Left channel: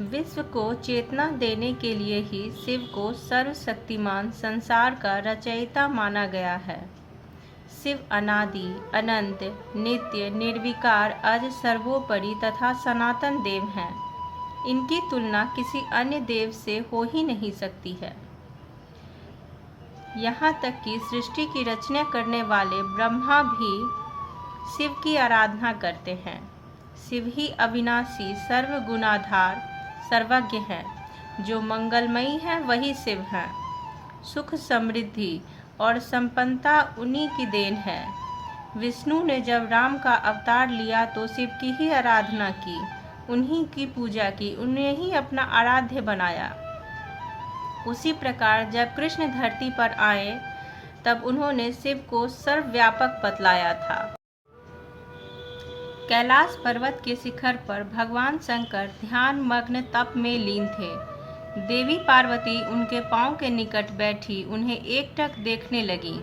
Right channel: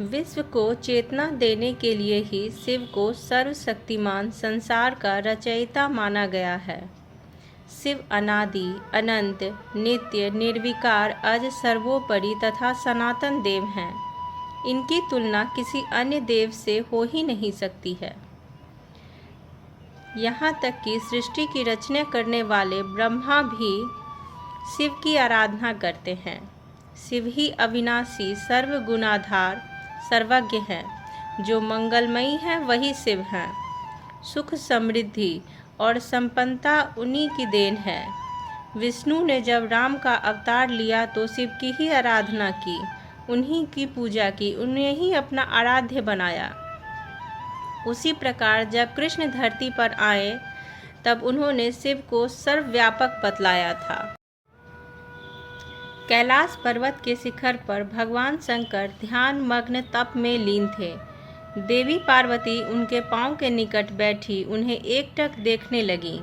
विश्व को चेतना देने के लिए ही शिव को सर्वशक्तिमान संसार का रचयिता माना गया है। शिव अनादि, अनंत, नित्य, निर्विकार, अज, सर्वोपरि तथा सनातन देव हैं। इनकी तुलना किसी अन्य देव से हो ही नहीं सकती है। यहाँ तक कि सृष्टि की रचना करने वाले ब्रह्मा भी शिव की आराधना करते हैं। शिव ही अविनाशी, सर्वगुणाधार, सर्वज्ञ है। जो मंगलमयी है वही शिव हैं। सुख, समृद्धि और संपन्नता उन्हीं की देन है। विष्णु ने जब राम का अवतार लिया तो शिव की ही आराधना की, उन्हीं की पूजा की, उन्हें ही अपना आराध्य बनाया। उसी प्रकार जब कृष्ण धरती पर आए तब उन्होंने शिव को सर्वव्यापक बतलाया था। कैलाश पर्वत के शिखर पर भगवान शंकर ध्यान मग्न तप में लीन थे। देवी पार्वती उनके पांव के निकट बैठी उन्हें एकटक देखने लगी।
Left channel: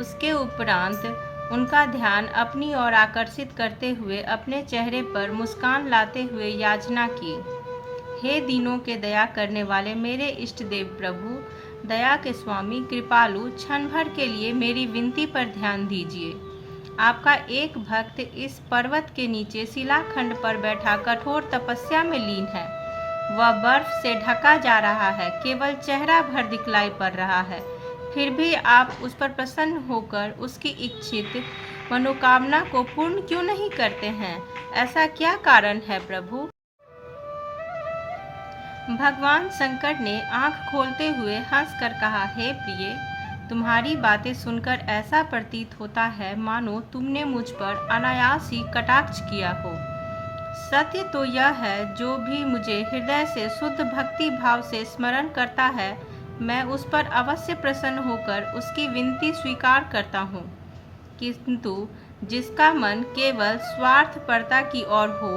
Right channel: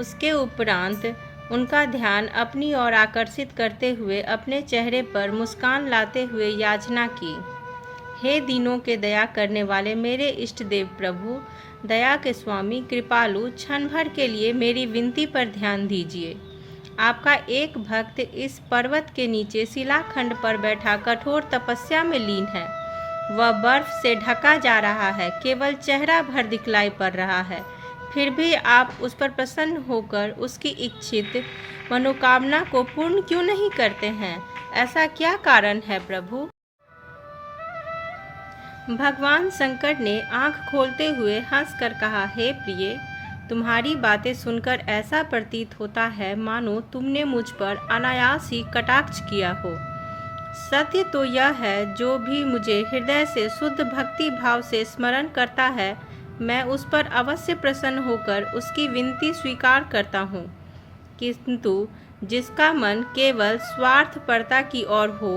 उसके उपरांत उनका ध्यान अपनी ओर आकर्षित करते हुए अपने चेहरे पर मुस्कान लाते हुए याचना की, हे दीनों के दया करने वाले मेरे इष्ट देव प्रभु, दया के स्वामी, कृपालु, क्षण भर के लिए मेरी विनती पर ध्यान दीजिए। आपका एक भक्त इस पर्वत के नीचे शिलाखंड पर बैठा कठोर तपस्या में लीन है। वह बर्फ से ढका जा रहा है, केवल चेहरा भर दिखलाई पड़ रहा है। फिर भी आप उस पर प्रसन्न होकर उसकी इच्छित मनोकामना को पूर्ण क्यों नहीं करते हैं? ऐसा क्या कारण है प्रभु? भगवान शंकर ने आंख खोलते हुए हंसकर कहा, हे प्रिय, तुम्हारी बातें सुनकर ऐसा प्रतीत होता है मानो तुमने मुझ पर अनायास ही कटाक्ष किया हो। सत्य तो यह है, जो भी मुझे हृदय से शुद्ध भक्ति भाव से स्मरण करता है, मैं उस पर अवश्य प्रसन्न होकर उसकी विनती स्वीकार करता हूँ। किंतु जिसका मन केवल स्वार्थपरता की ओर हो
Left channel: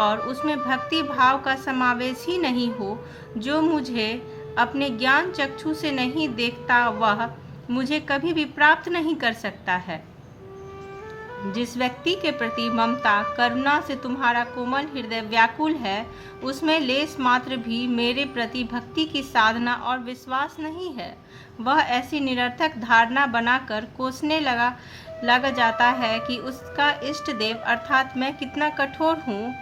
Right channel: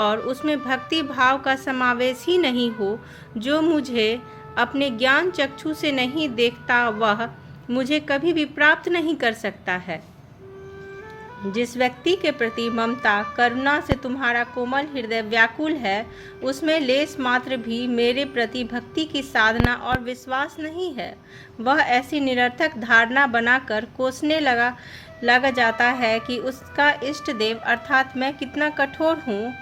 और उसमें भक्ति भाव का समावेश ही नहीं हो, जो मुझे अपने ज्ञान चक्षु से नहीं देखता, वह मुझे कभी भी प्राप्त नहीं कर सकता है। जिस व्यक्ति के प्रति ममता, करुणा से तुम्हारा कोमल हृदय व्याकुल है, उसमें लेस मात्र भी मेरे प्रति भक्ति की साधना और विश्वास नहीं है। वह ऐसी निरर्थक धारणा बनाकर कोसने लग जाता है कि उसका इष्ट देव अर्थात मैं कितना कठोर हूँ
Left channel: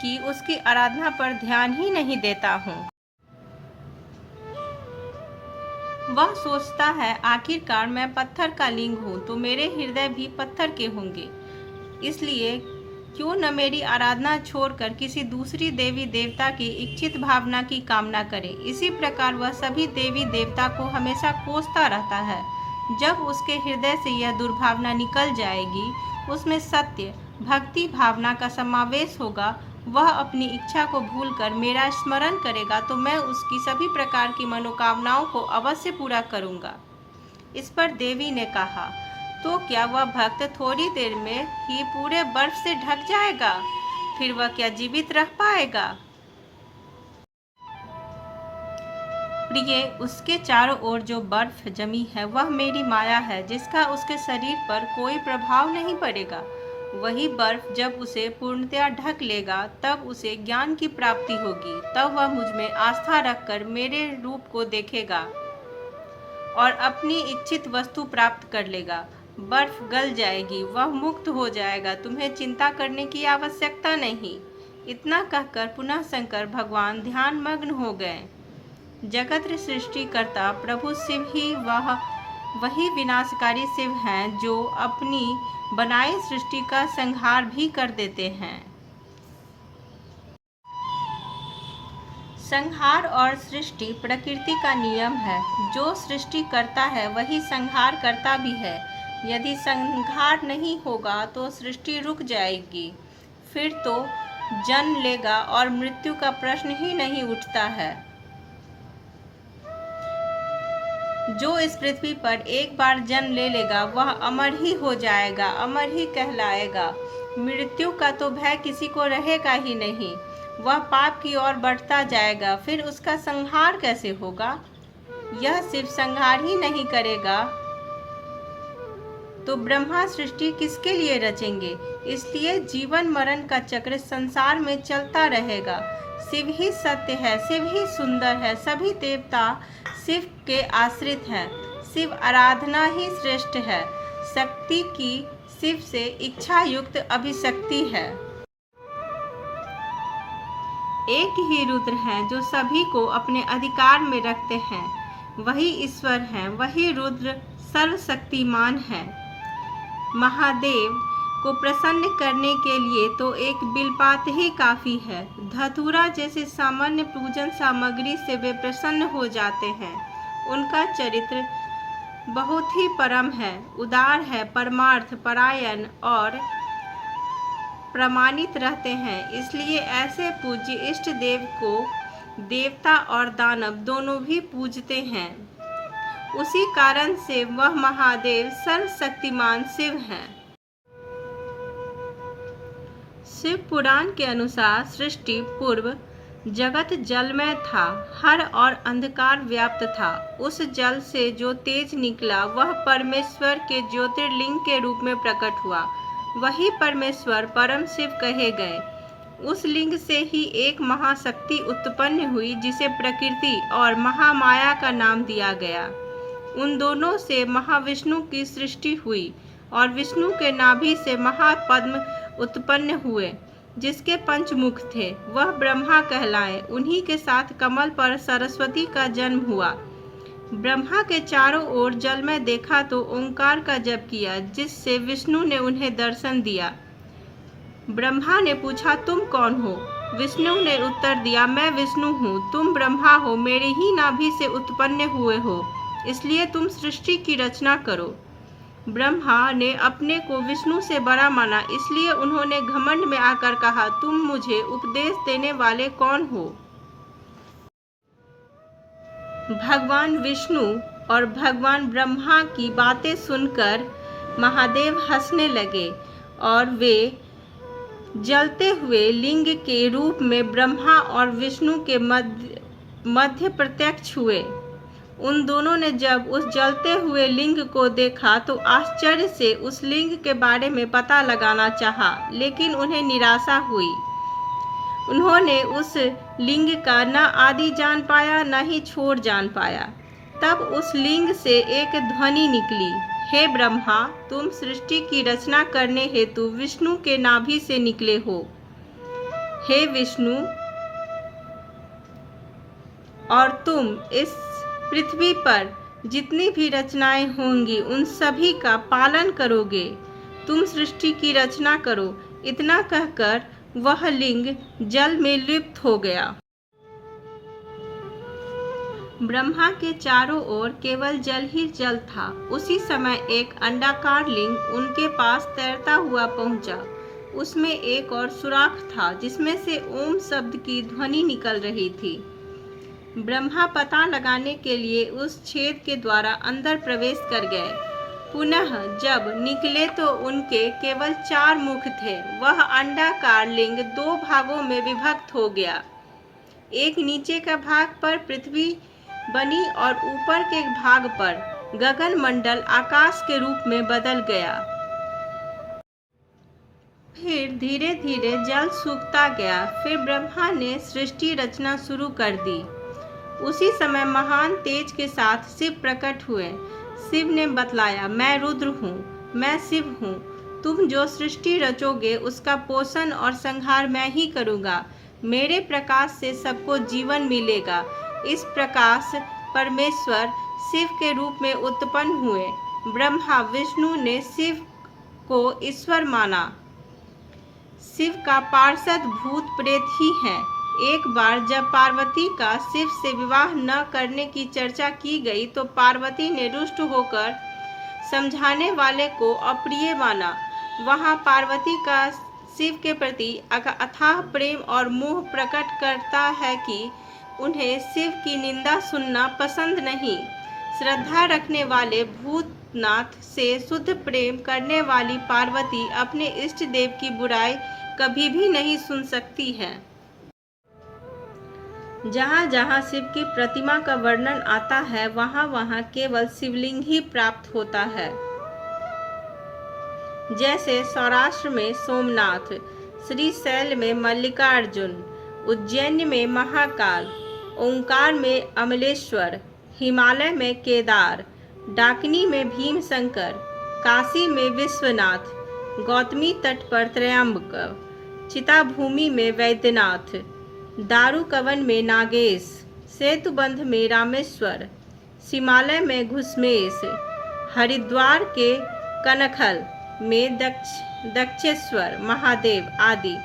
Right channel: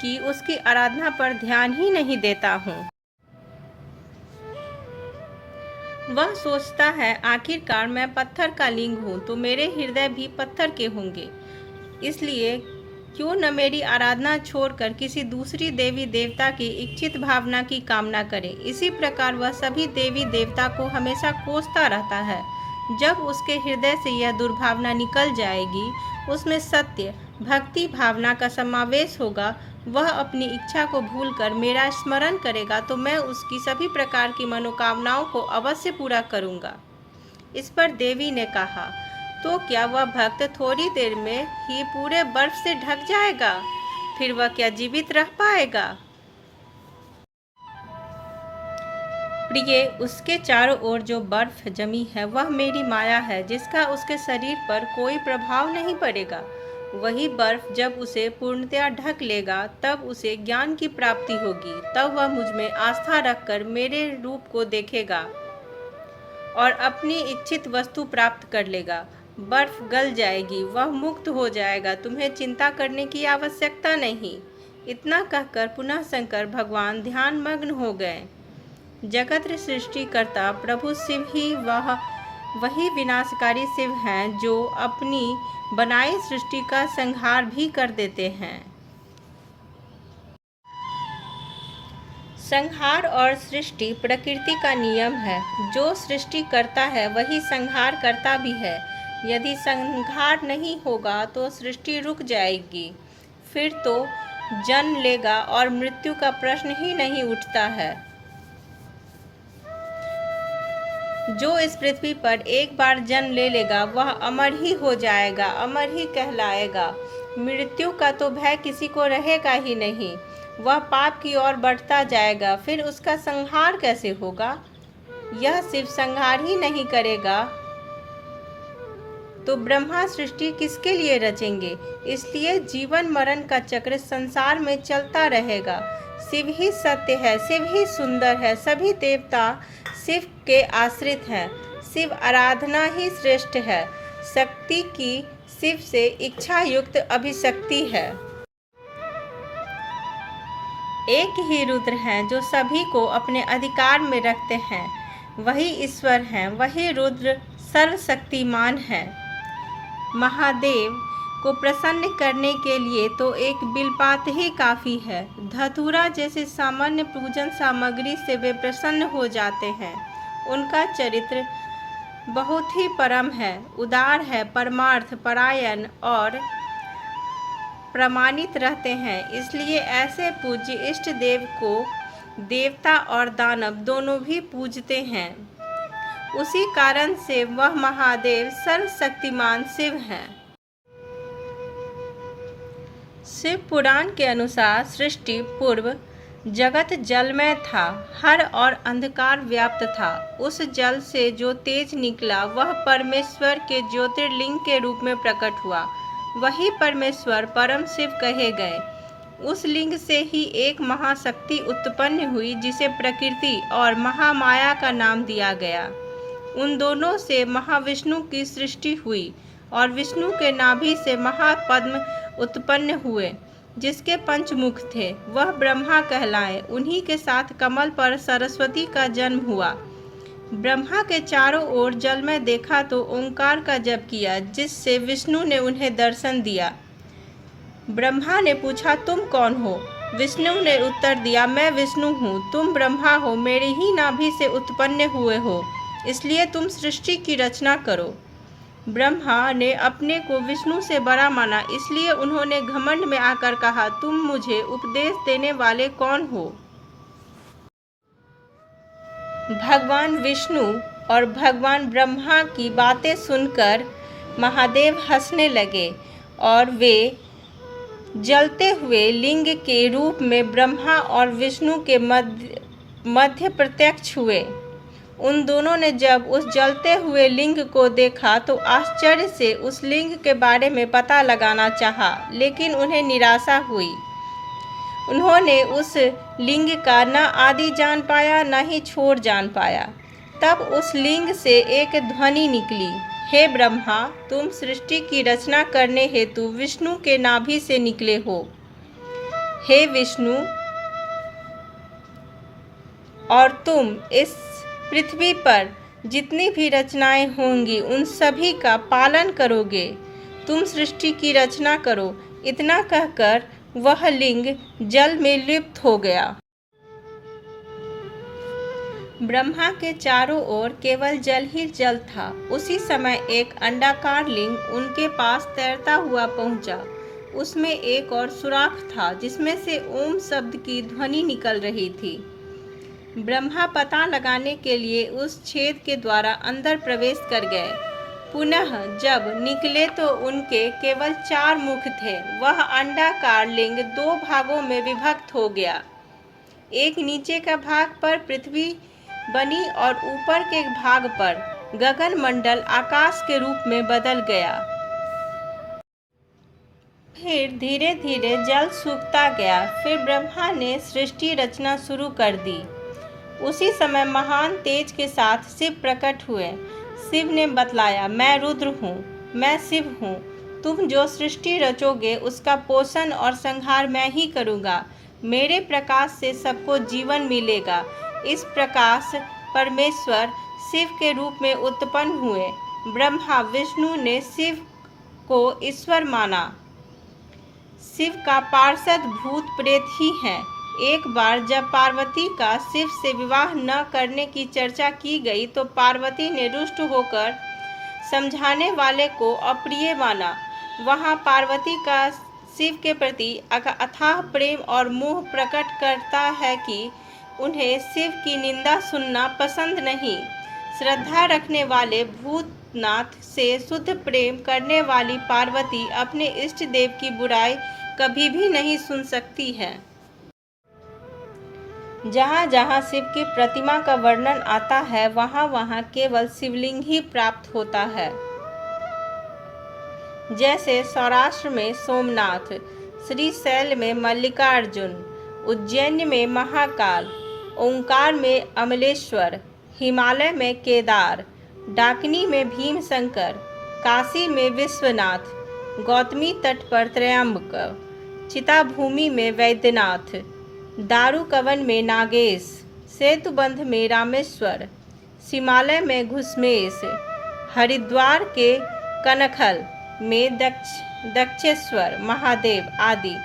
कि उसकी आराधना पर ध्यान ही नहीं देता हूँ। वह सोचता है, आखिरकार मैं पत्थर का लिंग हूँ तो मेरे हृदय भी पत्थर के होंगे, इसलिए क्यों न मेरी आराधना छोड़कर किसी दूसरी देवी देवता की इच्छित भावना की कामना करे। इसी प्रकार वह सभी देवी देवता को हमेशा कोसता रहता है। जब उसके हृदय से यह दुर्भावना निकल जाएगी, उसमें सत्य भक्ति भावना का समावेश होगा, वह अपनी इच्छा को भूलकर मेरा स्मरण करेगा तो मैं उसकी सभी प्रकार की मनोकामनाओं को अवश्य पूरा करूंगा। इस पर देवी ने कहा, तो क्या वह भक्त थोड़ी देर में ही पूरे बर्फ से ढक जाएगा? फिर वह क्या जीवित रह पाएगा? प्रिय, उसके चारों ओर जो बर्फ जमी है वह मेरी माया है, जिसका उसके शरीर पर कोई प्रभाव नहीं पड़ेगा। वही बर्फ जब उसे पूर्णतया ढक लेगा तब उसे ज्ञान की प्राप्ति होगी। तब वह मुझ में आस्था रखकर मेरे रूप को देखेगा और अपनी इच्छित वस्तु प्राप्त कर लेगा। बर्फ गल जाएगी, वह मुक्त हो जाएगा, तुम्हें चिंता करने की आवश्यकता नहीं। इतना कहकर पुनः शंकर भगवान ध्यान मग्न हो गए। जगत सृष्टिकर्ता प्रभु शिव ही वही विनाशकारी शिव हैं जो अपनी बनाई सृष्टि का संहार भी कर देते हैं। संहार और सृष्टि प्रकृति का नियम है। जो सृष्टि करता है वही संहार करता भी है। यदि संहार नहीं होगा तो सृष्टि रुक जाएगी, फिर तो जन्म लेगा और मृत्यु का प्रश्न ही नहीं उठता है। जो इस पृथ्वी पर एक बार जन्म ले लेगा वह अमर ही हो जाएगा, अमर ही कहलाएगा। मृत्यु का तो भय किसी को रहेगा ही नहीं। वह पाप की ओर बढ़ता जाएगा, फिर उसका संहार कैसे होगा? यह सिर्फ संहार ही नहीं करेगा तो ब्रह्मा सृष्टि किसके लिए रचेंगे? इसलिए जीवन मरण का चक्र संसार में चलता रहेगा। शिव ही सत्य है, शिव ही सुंदर है, सभी देवता शिव के आश्रित हैं, शिव आराधना ही श्रेष्ठ है, शक्ति की शिव से इच्छा युक्त अभिशक्ति है। एक ही रुद्र है जो सभी को अपने अधिकार में रखते हैं, वही ईश्वर हैं, वही रुद्र सर्वशक्तिमान है। महादेव को प्रसन्न करने के लिए तो एक बिलपात ही काफ़ी है। धतूरा जैसे सामान्य पूजन सामग्री से वे प्रसन्न हो जाते हैं। उनका चरित्र बहुत ही परम है, उदार है, परमार्थ परायण और प्रमाणित रहते हैं। इसलिए ऐसे पूज्य इष्ट देव को देवता और दानव दोनों भी पूजते हैं। उसी कारण से वह महादेव सर्वशक्तिमान शिव हैं। शिव पुराण के अनुसार सृष्टि पूर्व जगत जलमय था, हर और अंधकार व्याप्त था। उस जल से जो तेज निकला वह परमेश्वर के ज्योतिर्लिंग के रूप में प्रकट हुआ। वही परमेश्वर परम शिव कहे गए। उस लिंग से ही एक महाशक्ति उत्पन्न हुई जिसे प्रकृति और महामाया का नाम दिया गया। उन दोनों से महाविष्णु की सृष्टि हुई और विष्णु के नाभि से महापद्म उत्पन्न हुए जिसके पंचमुख थे, वह ब्रह्मा कहलाए। उन्हीं के साथ कमल पर सरस्वती का जन्म हुआ। ब्रह्मा के चारों ओर जल में देखा तो ओंकार का जप किया, जिससे विष्णु ने उन्हें दर्शन दिया। ब्रह्मा ने पूछा, तुम कौन हो? विष्णु ने उत्तर दिया, मैं विष्णु हूँ, तुम ब्रह्मा हो, मेरी ही नाभि से उत्पन्न हुए हो, इसलिए तुम सृष्टि की रचना करो। ब्रह्मा ने अपने को विष्णु से बड़ा माना, इसलिए उन्होंने घमंड में आकर कहा, तुम मुझे उपदेश देने वाले कौन हो? भगवान विष्णु और भगवान ब्रह्मा की बातें सुनकर महादेव हंसने लगे और वे जलते हुए लिंग के रूप में ब्रह्मा और विष्णु के मध्य प्रत्यक्ष हुए। उन दोनों ने जब उस जलते हुए लिंग को देखा तो आश्चर्य से उस लिंग के बारे में पता लगाना चाहा, लेकिन उन्हें निराशा हुई। उन्होंने उस लिंग का न आदि जान पाया न ही छोर जान पाया। तब उस लिंग से एक ध्वनि निकली, हे ब्रह्मा, तुम सृष्टि की रचना करने हेतु विष्णु के नाभि से निकले हो। हे विष्णु, और तुम इस पृथ्वी पर जितनी भी रचनाएं होंगी उन सभी का पालन करोगे। तुम सृष्टि की रचना करो। इतना कहकर वह लिंग जल में लिप्त हो गया। ब्रह्मा के चारों ओर केवल जल ही जल था। उसी समय एक अंडाकार लिंग उनके पास तैरता हुआ पहुंचा। उसमें एक और सुराख था जिसमें से ओम शब्द की ध्वनि निकल रही थी। ब्रह्मा पता लगाने के लिए उस छेद के द्वारा अंदर प्रवेश कर गए। पुनः जब निकले तो उनके केवल 4 मुख थे। वह अंडाकार लिंग 2 भागों में विभक्त हो गया। एक नीचे का भाग पर पृथ्वी बनी और ऊपर के भाग पर गगन मंडल आकाश के रूप में बदल गया। फिर धीरे धीरे जल सूखता गया। फिर ब्रह्मा ने सृष्टि रचना शुरू कर दी। उसी समय महान तेज के साथ शिव प्रकट हुए। शिव ने बतलाया, मैं रुद्र हूँ, मैं शिव हूँ। तुम जो सृष्टि रचोगे उसका पोषण और संहार मैं ही करूँगा। मेरे प्रकाश से सबको जीवन मिलेगा। इस प्रकाश परमेश्वर शिव के रूप में उत्पन्न हुए। ब्रह्मा विष्णु ने शिव को ईश्वर माना। शिव का पार्षद भूत प्रेत ही है। एक बार जब पार्वती का शिव से विवाह न करने की चर्चा की गई तो पार्वती ने रुष्ट होकर समझाने वाले को अप्रिय माना। वहाँ पार्वती का शिव के प्रति अथाह प्रेम और मोह प्रकट करता है कि उन्हें शिव की निंदा सुनना पसंद नहीं। श्रद्धा रखने वाले भूतनाथ से शुद्ध प्रेम करने वाली पार्वती अपने इष्ट देव की बुराई कभी भी नहीं सुन सकती है। जहाँ जहाँ शिव की प्रतिमा का वर्णन आता है वहाँ वहाँ केवल शिवलिंग ही प्राप्त होता है। जैसे सौराष्ट्र में सोमनाथ, श्रीशैल में मल्लिकार्जुन, उज्जैन में महाकाल, ओंकार में अमलेश्वर, हिमालय में केदार, डाकिनी में भीमशंकर, काशी में विश्वनाथ, गौतमी तट पर त्रयंबक, चिताभूमि में वैद्यनाथ, दारुकवन में नागेश, सेतुबंध में रामेश्वर, हिमालय में घुसमेश, हरिद्वार के कनखल में दक्षेश्वर महादेव आदि।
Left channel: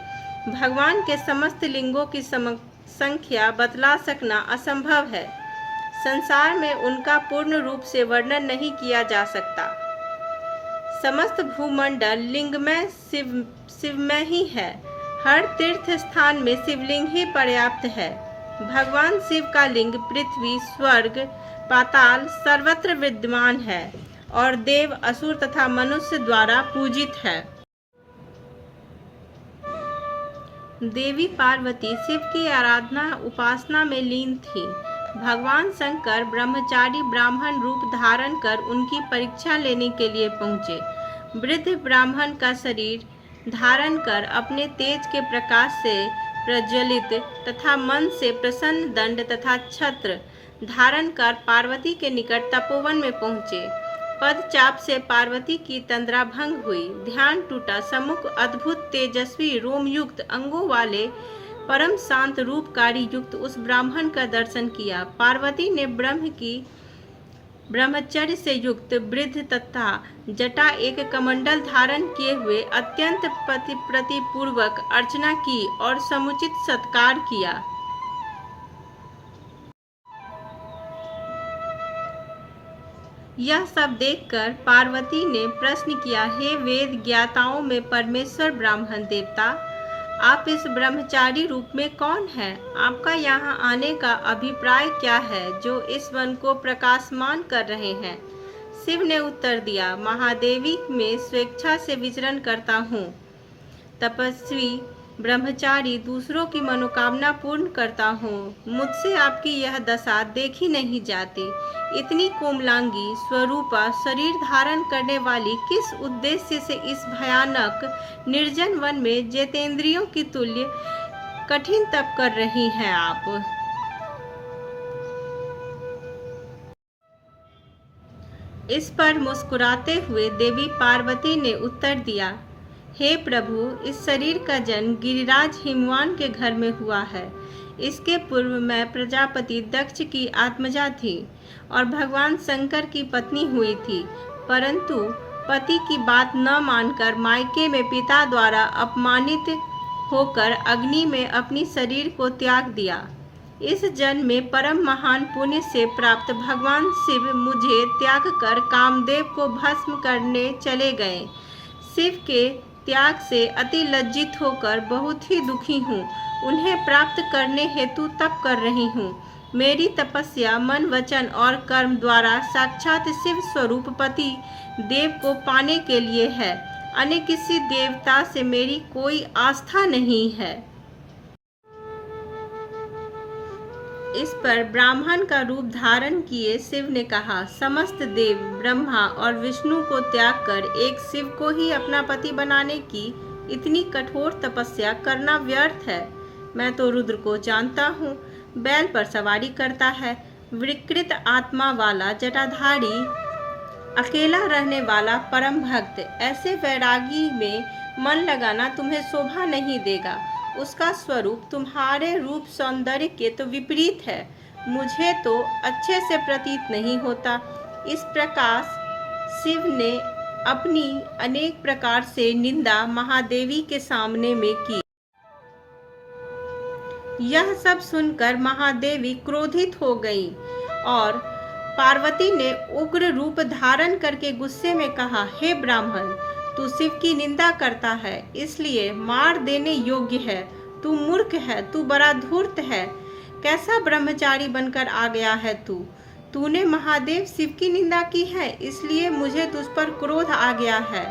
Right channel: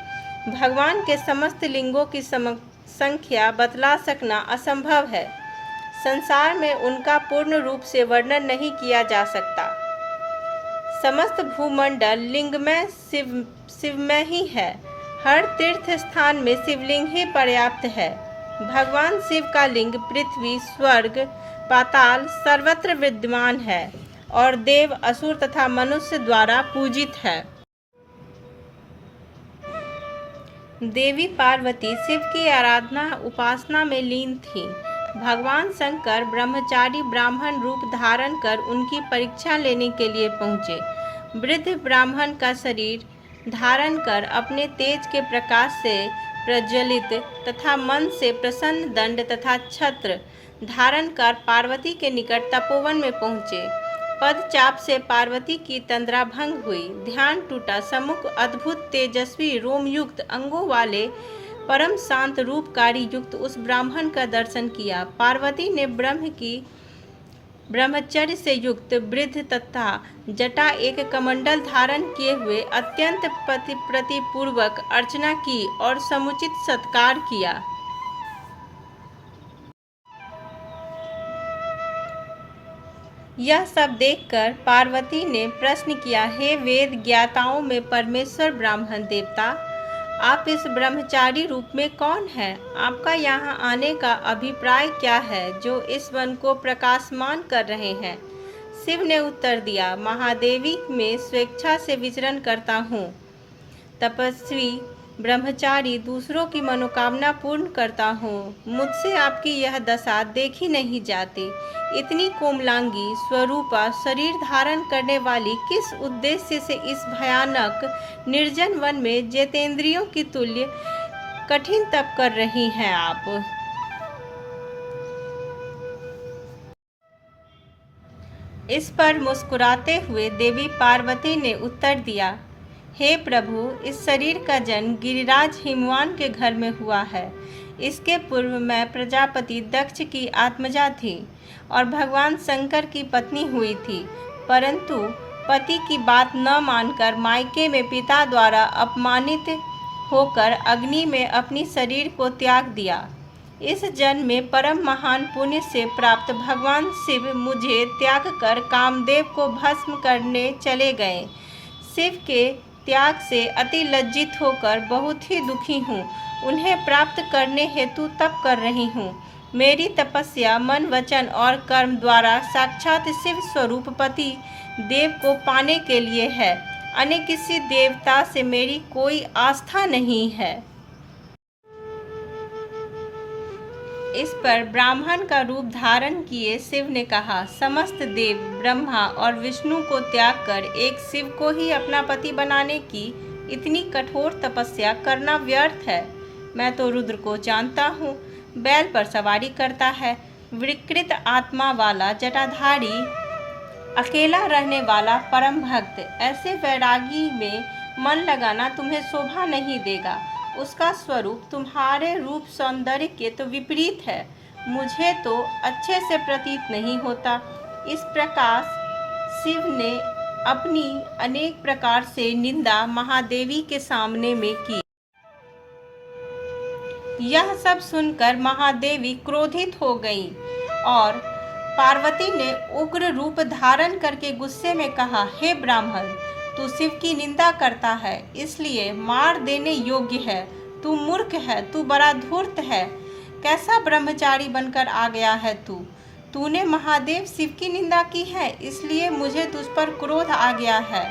भगवान के समस्त लिंगों की संख्या बतला सकना असंभव है। संसार में उनका पूर्ण रूप से वर्णन नहीं किया जा सकता। समस्त भूमंडल लिंगमय शिवमय ही है। हर तीर्थ स्थान में शिवलिंग ही पर्याप्त है। भगवान शिव का लिंग पृथ्वी, स्वर्ग, पाताल सर्वत्र विद्यमान है और देव, असुर तथा मनुष्य द्वारा पूजित है। देवी पार्वती शिव की आराधना उपासना में लीन थी। भगवान शंकर ब्रह्मचारी ब्राह्मण रूप धारण कर उनकी परीक्षा लेने के लिए पहुँचे। वृद्ध ब्राह्मण का शरीर धारण कर अपने तेज के प्रकाश से प्रज्वलित तथा मन से प्रसन्न दंड तथा छत्र धारण कर पार्वती के निकट तपोवन में पहुँचे। पदचाप से पार्वती की तंद्रा भंग हुई। ध्यान टूटा। सम्मुख अद्भुत तेजस्वी रोमयुक्त अंगों वाले परम शांत रूपकारी युक्त उस ब्राह्मण का दर्शन किया। पार्वती ने ब्रह्मचर्य से युक्त वृद्ध तथा जटा एक कमंडल धारण किए हुए अत्यंत प्रतिपूर्वक अर्चना की और समुचित सत्कार किया। यह सब देखकर पार्वती ने प्रश्न किया, हे वेद ज्ञाताओं में परमेश्वर ब्राह्मण देवता, आप इस ब्रह्मचारी रूप में कौन हैं? आपका यहाँ आने का अभिप्राय क्या है जो इस वन को प्रकाशमान कर रहे हैं? शिव ने उत्तर दिया, महादेवी में स्वेच्छा से विचरण करता हूँ। तपस्वी ब्रह्मचारी दूसरों की मनोकामना पूर्ण करता हूँ। मुझसे आपकी यह दशा देखी नहीं जाती। इतनी कोमलांगी स्वरूपा शरीर धारण करने वाली किस उद्देश्य से इस भयानक निर्जन वन में जितेंद्रियों की तुल्य कठिन तप कर रही हैं आप? इस पर मुस्कुराते हुए देवी पार्वती ने उत्तर दिया, हे प्रभु, इस शरीर का जन्म गिरिराज हिमवान के घर में हुआ है। इसके पूर्व मैं प्रजापति दक्ष की आत्मजा थी और भगवान शंकर की पत्नी हुई थी, परंतु पति की बात न मानकर मायके में पिता द्वारा अपमानित होकर अग्नि में अपनी शरीर को त्याग दिया। इस जन्म में परम महान पुण्य से प्राप्त भगवान शिव मुझे त्याग कर कामदेव को भस्म करने चले गए। शिव के त्याग से अति लज्जित होकर बहुत ही दुखी हूँ। उन्हें प्राप्त करने हेतु तप कर रही हूँ। मेरी तपस्या मन, वचन और कर्म द्वारा साक्षात शिव स्वरूप पति देव को पाने के लिए है। अन्य किसी देवता से मेरी कोई आस्था नहीं है। इस पर ब्राह्मण का रूप धारण किए शिव ने कहा, समस्त देव ब्रह्मा और विष्णु को त्याग कर एक शिव को ही अपना पति बनाने की इतनी कठोर तपस्या करना व्यर्थ है। मैं तो रुद्र को जानता हूँ। बैल पर सवारी करता है, विकृत आत्मा वाला जटाधारी, अकेला रहने वाला परम भक्त। ऐसे वैरागी में मन लगाना तुम्हें शोभा नहीं देगा। उसका स्वरूप तुम्हारे रूप सौंदर्य के तो विपरीत है। मुझे तो अच्छे से प्रतीत नहीं होता। इस प्रकार शिव ने अपनी अनेक प्रकार से निंदा महादेवी के सामने में की। यह सब सुनकर महादेवी क्रोधित हो गई और पार्वती ने उग्र रूप धारण करके गुस्से में कहा, हे ब्राह्मण, तू शिव की निंदा करता है, इसलिए मार देने योग्य है। तू मूर्ख है, तू बड़ा धूर्त है। कैसा ब्रह्मचारी बनकर आ गया है तू? तूने महादेव शिव की निंदा की है, इसलिए मुझे तुझ पर क्रोध आ गया है।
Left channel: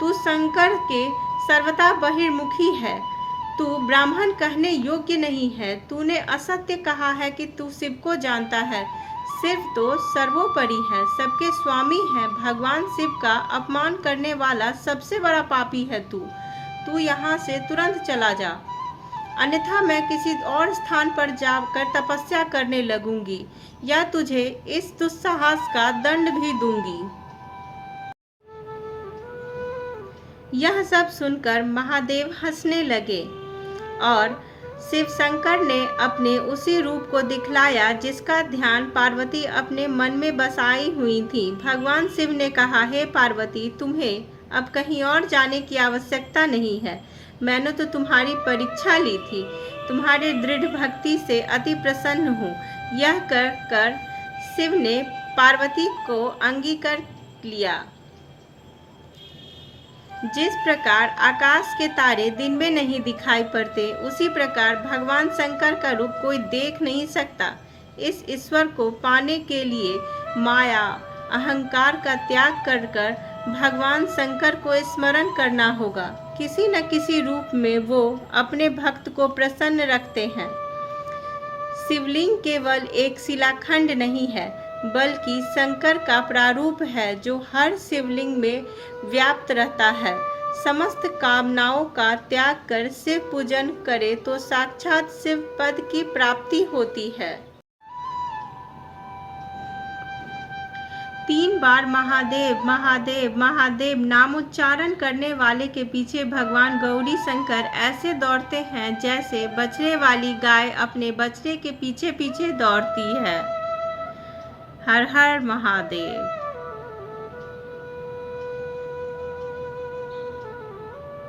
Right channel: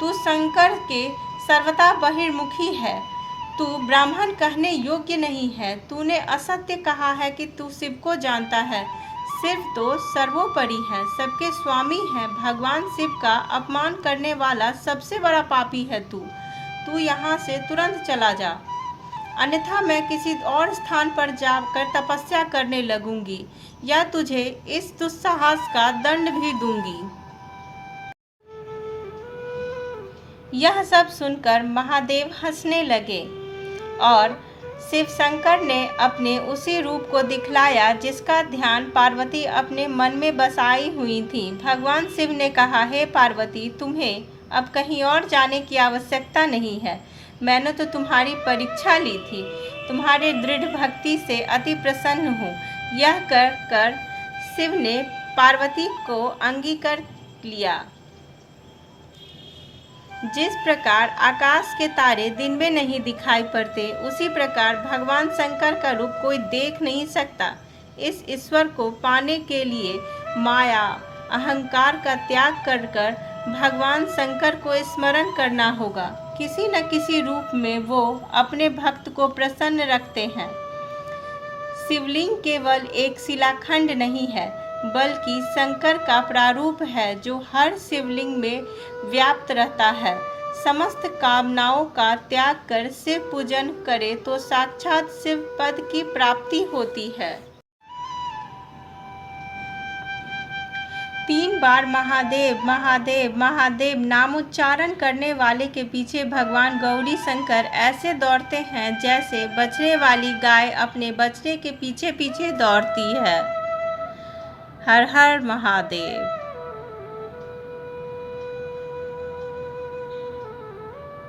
तू शंकर के सर्वथा बहिर्मुखी है। तू ब्राह्मण कहने योग्य नहीं है। तूने असत्य कहा है कि तू शिव को जानता है। शिव तो सर्वोपरि है, सबके स्वामी है। भगवान शिव का अपमान करने वाला सबसे बड़ा पापी है तू। तू यहाँ से तुरंत चला जा। अन्यथा मैं किसी और स्थान पर जाकर तपस्या करने लगूंगी या तुझे इस दुस्साहस का दंड भी दूंगी। यह सब सुनकर महादेव हंसने लगे और शिव शंकर ने अपने उसी रूप को दिखलाया जिसका ध्यान पार्वती अपने मन में बसाई हुई थी। भगवान शिव ने कहा, हे पार्वती, तुम्हें अब कहीं और जाने की आवश्यकता नहीं है। मैंने तो तुम्हारी परीक्षा ली थी, तुम्हारे दृढ़ भक्ति से अति प्रसन्न हूँ। यह कर शिव ने पार्वती को अंगीकार लिया। जिस प्रकार आकाश के तारे दिन में नहीं दिखाई पड़ते, उसी प्रकार भगवान शंकर का रूप कोई देख नहीं सकता। इस ईश्वर को पाने के लिए माया अहंकार का त्याग कर भगवान शंकर को स्मरण करना होगा। किसी न किसी रूप में वो अपने भक्त को प्रसन्न रखते हैं। शिवलिंग केवल एक शिलाखंड नहीं है, बल्कि शंकर का प्रारूप है जो हर शिवलिंग में व्याप्त रहता है। समस्त कामनाओं का त्याग कर शिव पूजन करे तो साक्षात शिव पद की प्राप्ति होती है। 3 बार महादेव महादेव महादेव नामोच्चारण करने वाले के पीछे भगवान गौरी शंकर ऐसे दौड़ते हैं जैसे बछड़े वाली गाय अपने बछड़े के पीछे पीछे दौड़ती है। हर हर महादेव।